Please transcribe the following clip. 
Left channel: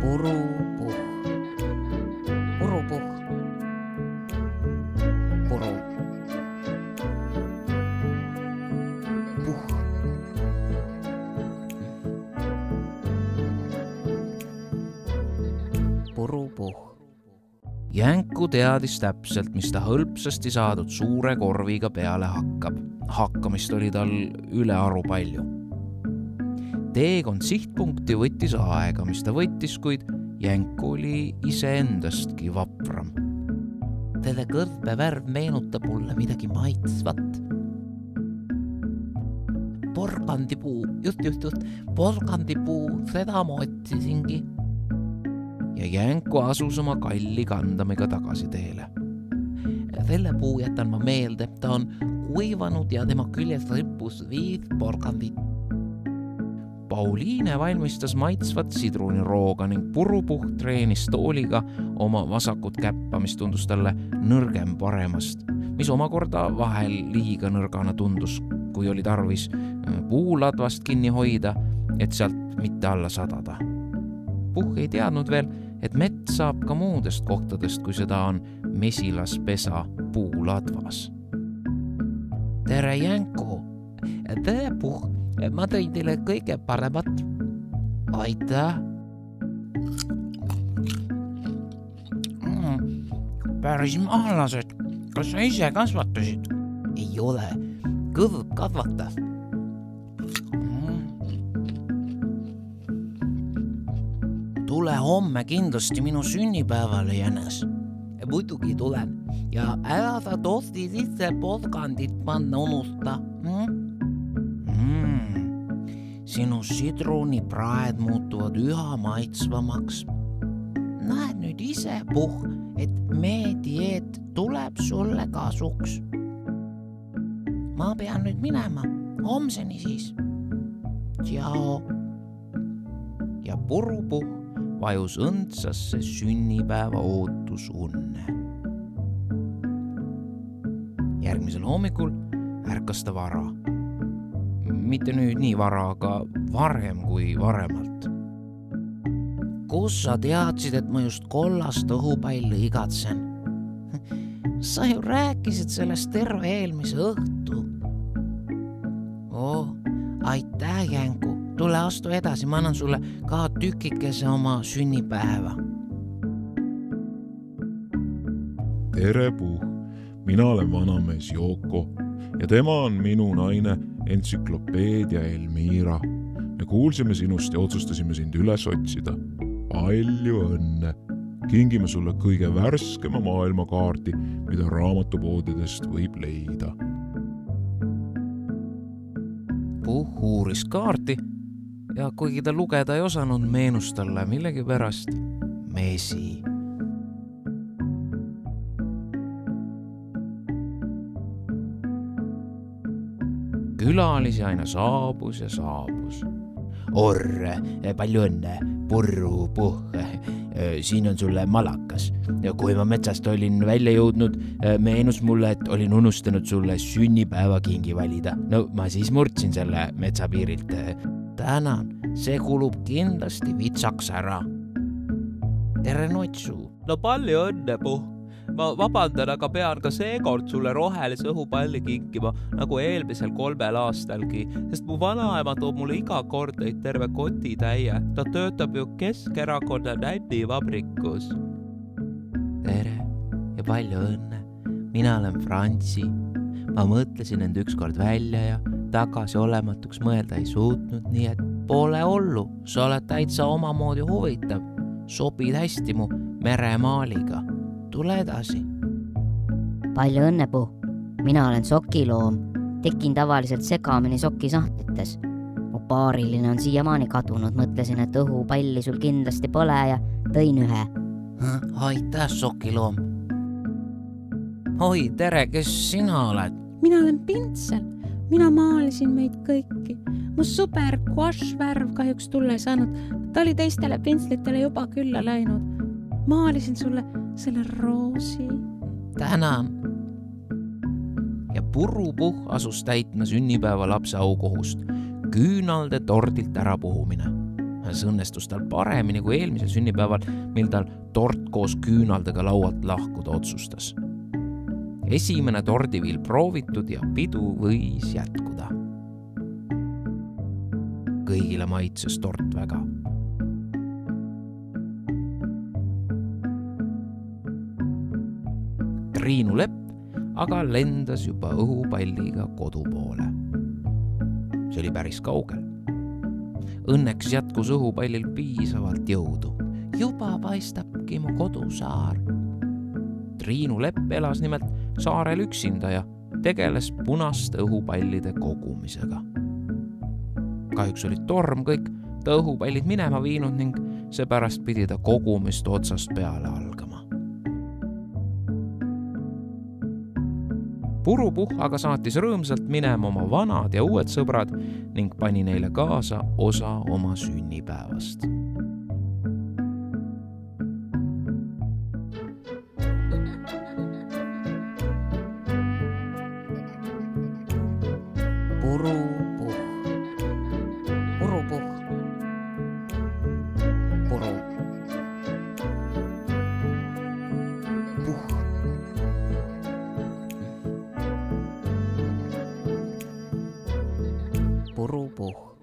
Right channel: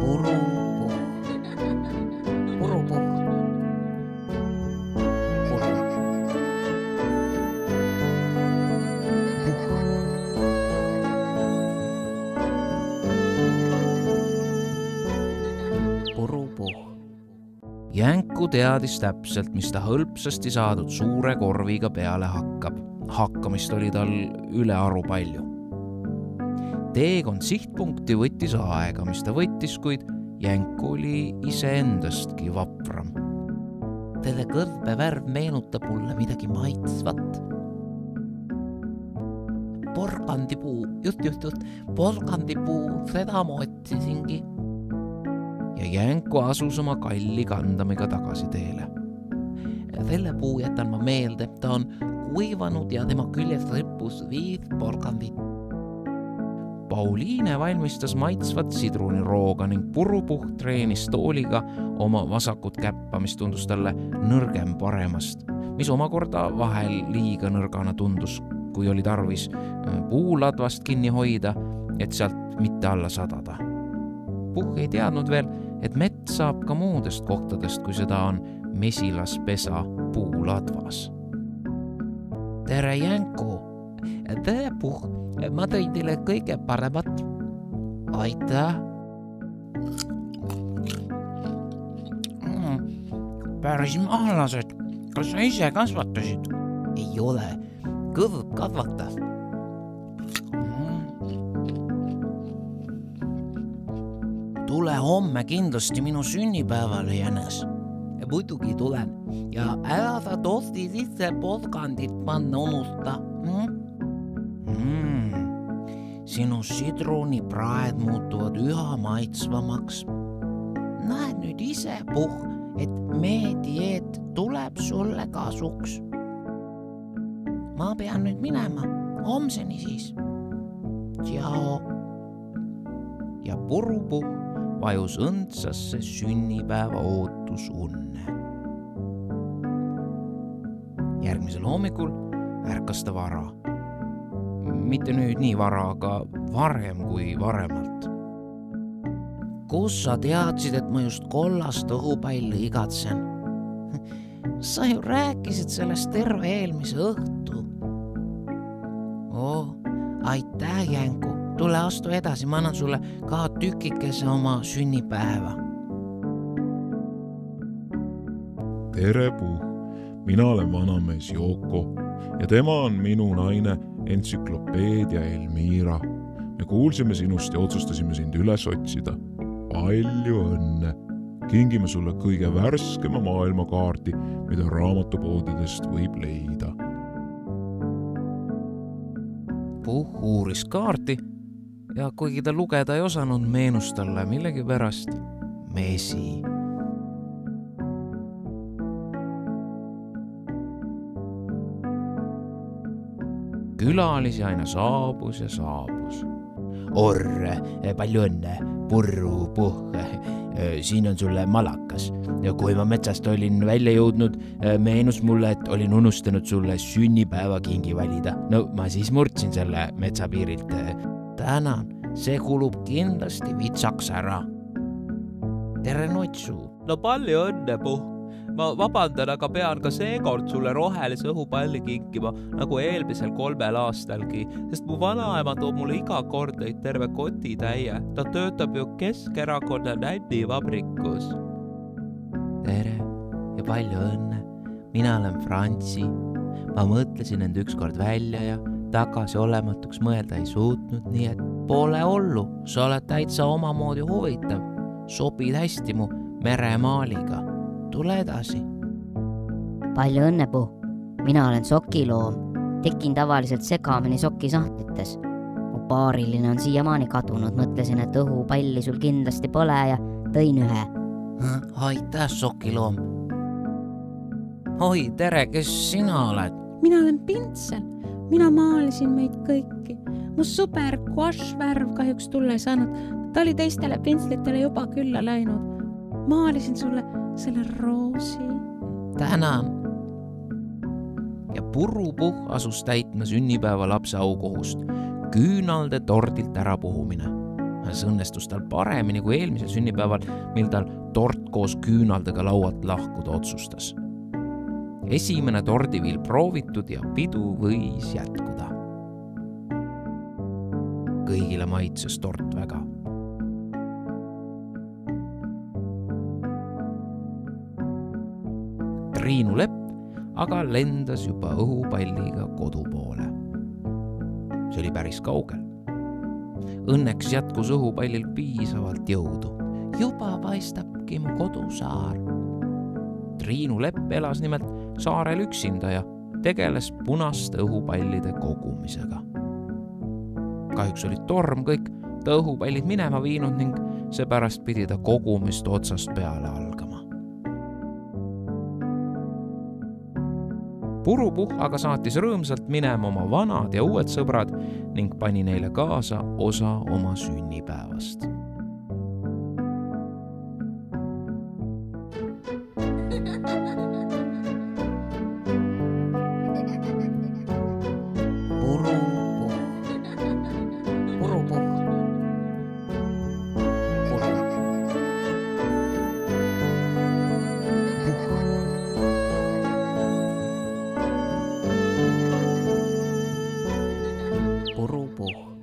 Purupuh. Purupuh. Puru. Puh. Purupuh. Jänku teadis täpselt, mis ta hõlpsasti saadud suure korviga peale hakkab. Hakkamist oli tal ülearu palju. Teekond sihtpunkti võttis aega, mis ta võttis, kuid Jänku oli iseendastki vapram. Selle kõrvevärv meenutab mulle midagi maitsvat. Porgandipuu, just, porgandipuu, seda ma otsisingi. Ja Jänku asus oma kalli kandamiga tagasi teele. Selle puu jätan ma meelde, ta on kuivanud ja tema küljes rippus 5 porgandit. Pauliine valmistas maitsvat sidrunirooga ning Purupuh treenis tooliga oma vasakut käppa, mis tundus talle nõrgem paremast, mis omakorda vahel liiga nõrgana tundus, kui oli tarvis puuladvast kinni hoida, et sealt mitte alla sadada. Puh ei teadnud veel, et mets saab ka muudest kohtadest, kui seda on mesilaspesa puuladvas. Tere, Jänku! Tere, Puh! Ma tõin teile kõige paremat. Aitäh! Päris maalased. Kas sa ise kasvatasid? Ei ole. Kõrv kasvatas. Tule homme kindlasti minu sünnipäevale, Jänes. Muidugi tulen. Ja ära sa tosti sisse porgandit panna unusta. Sinu sidrunipraed muutuvad üha maitsvamaks. Näed nüüd ise, Puh, et meie dieet tuleb sulle kasuks. Ma pean nüüd minema. Homseni siis. Tšao. Ja Purupuh vajus õndsasse sünnipäeva ootusunne. Järgmisel hommikul ärkas ta vara. Mitte nüüd nii vara, aga varem kui varemalt. Kus sa teadsid, et ma just kollast õhupalli igatsen? Sa ju rääkisid sellest terve eelmise õhtu. Aitäh, Jänku. Tule astu edasi, ma annan sulle ka tükikese oma sünnipäeva. Tere, Puh. Mina olen vanamees Joko ja tema on minu naine entsüklopeedia Elmira. Me kuulsime sinust ja otsustasime sind üles otsida. Palju õnne. Kingime sulle kõige värskema maailmakaardi, mida raamatupoodidest võib leida. Puh uuris kaarti ja kuigi ta lugeda ei osanud, meenus talle millegi pärast mesi. Külalisi aina saabus ja saabus. Orre, palju õnne, Purupuh, siin on sulle malakas. Ja kui ma metsast olin välja jõudnud, meenus mulle, et olin unustanud sulle sünnipäevakingi valida. No ma siis murdsin selle metsapiirilt. Tänan, see kulub kindlasti vitsaks ära. Tere, Notsu! No palju õnne, Puh! Ma vabandan, aga pean ka seekord sulle rohelise õhupalli kinkima, nagu eelmisel 3 aastalgi, sest mu vanaema toob mulle iga kord neid terve kotitäie. Ta töötab ju Keskerakonna nännivabrikus. Tere ja palju õnne. Mina olen Frantsi. Ma mõtlesin end ükskord välja ja tagasi olematuks mõelda ei suutnud, nii et pole hullu. Sa oled täitsa omamoodi huvitav. Sobid hästi mu meremaaliga. Tule edasi. Palju õnne, Puh. Mina olen sokiloom. Tekin tavaliselt segamini sokisahtites. Mu paariline on siiamaani kadunud. Mõtlesin, et õhupalli sul kindlasti pole ja tõin ühe. Aitäh, sokiloom. Oi, tere, kes sina oled? Mina olen Pintsel. Mina maalisin meid kõiki. Mu sõber guašvärv kahjuks tulla ei saanud. Ta oli teistele pintslitele juba külla läinud. Maalisin sulle selle roosi. Tänan. Ja Purupuh asus täitma sünnipäeva lapse aukohust, küünalde tordilt ära puhumine. See õnnestus tal paremini kui eelmisel sünnipäeval, mil tal tort koos küünaldega laualt lahkuda otsustas. Esimene tordiviil proovitud ja pidu võis jätkuda. Kõigile maitses tort väga. Triinu Lepp aga lendas juba õhupalliga kodu poole. See oli päris kaugel. Õnneks jätkus õhupallil piisavalt jõudu. Juba paistabki mu kodusaar. Triinu Lepp elas nimelt saarel üksinda ja tegeles punaste õhupallide kogumisega. Kahjuks oli torm kõik ta õhupallid minema viinud ning seepärast pidi ta kogumist otsast peale algama. Purupuh aga saatis rõõmsalt minema oma vanad ja uued sõbrad ning pani neile kaasa osa oma sünnipäevast. Purupuh. Purupuh. Puru. Puh. Purupuh.